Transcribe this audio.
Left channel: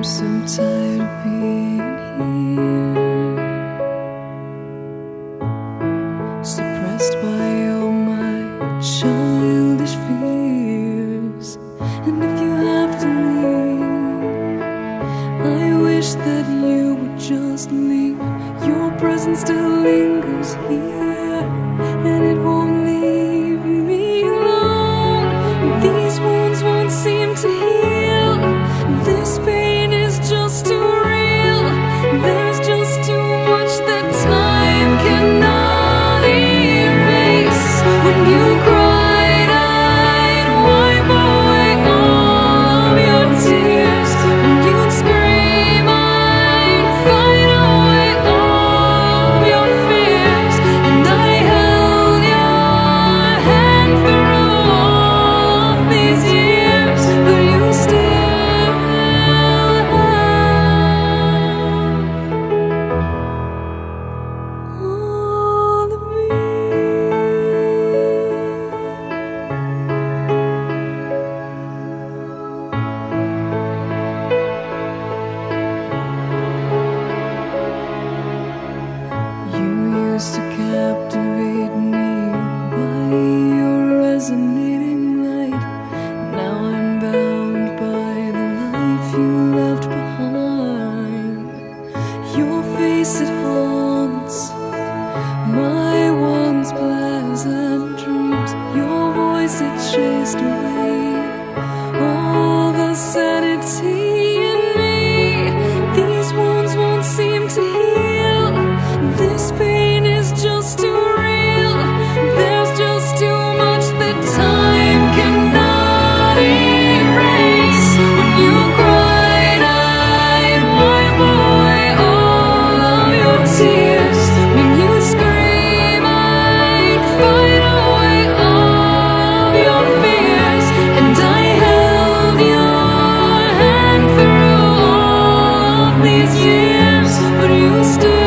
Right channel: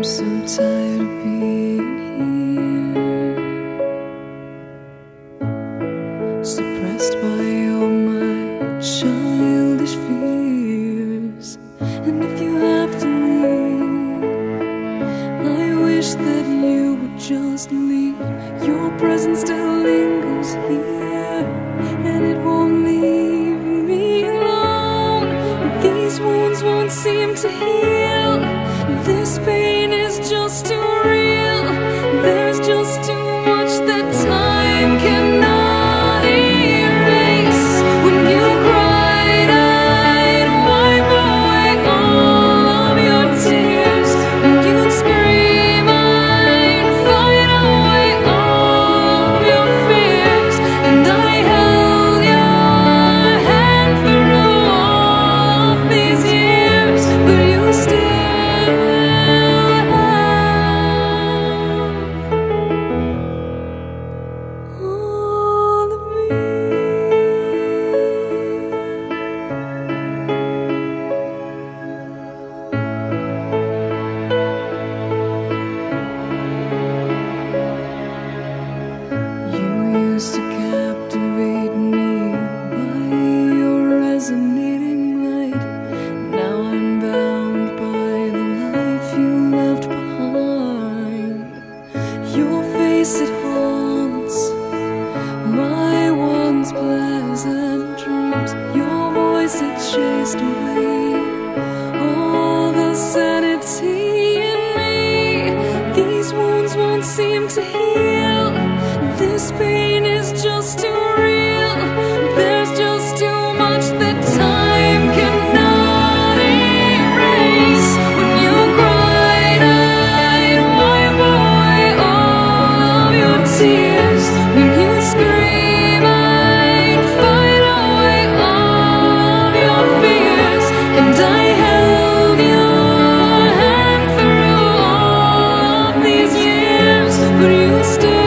I'm so tired of being here, suppressed by all my childish fears. And if you have to leave, I wish that you would just leave. Your presence still lingers here, and it won't leave me alone. These wounds won't seem to heal. This pain is just too real. There's just too much that time cannot erase. When you cried, I'd wipe away all of your tears. When you'd scream, I'd fight away all of your fears. And I held your hand through all of these years, but you still to captivate me by your resonating light. Now I'm bound by the life you left behind. Your face, it haunts my once pleasant dreams. Your voice, it chased away all the sanity in me. These wounds won't seem to heal. This pain is just too real. There's just too much that time cannot erase. When you cried, I'd wipe away all of your tears. When you scream, I'd fight away all of your fears. And I held your hand through all of these years, but you still